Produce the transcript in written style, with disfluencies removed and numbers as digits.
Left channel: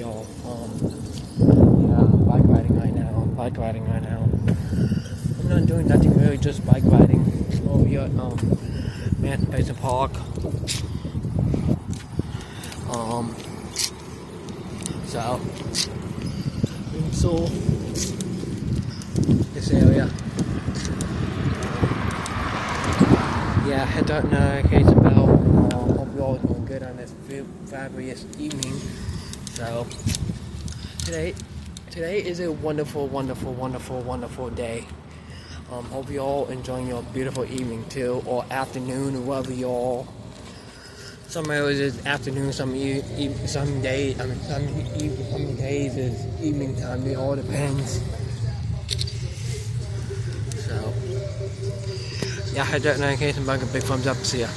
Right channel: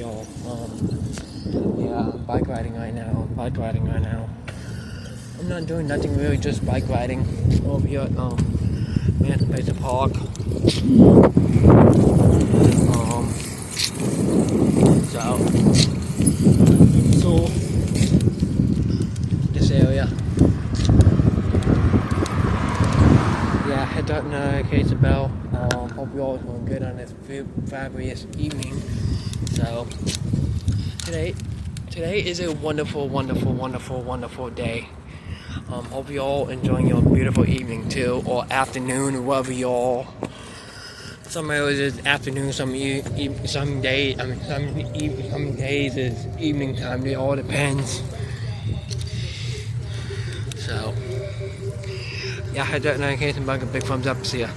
y'all. Yeah, bike riding right now. I'm not doing nothing really, just bike riding over here at Manson Basin Park. So this area. Yeah, hit that notification bell. Hope you all are doing good on this fabulous evening. So today is a wonderful day. Hope you all enjoying your beautiful evening too, or afternoon, or whatever y'all. Some areas is afternoon, some days is evening time. It all depends. So yeah, hit that notification bell, a big thumbs up. See ya.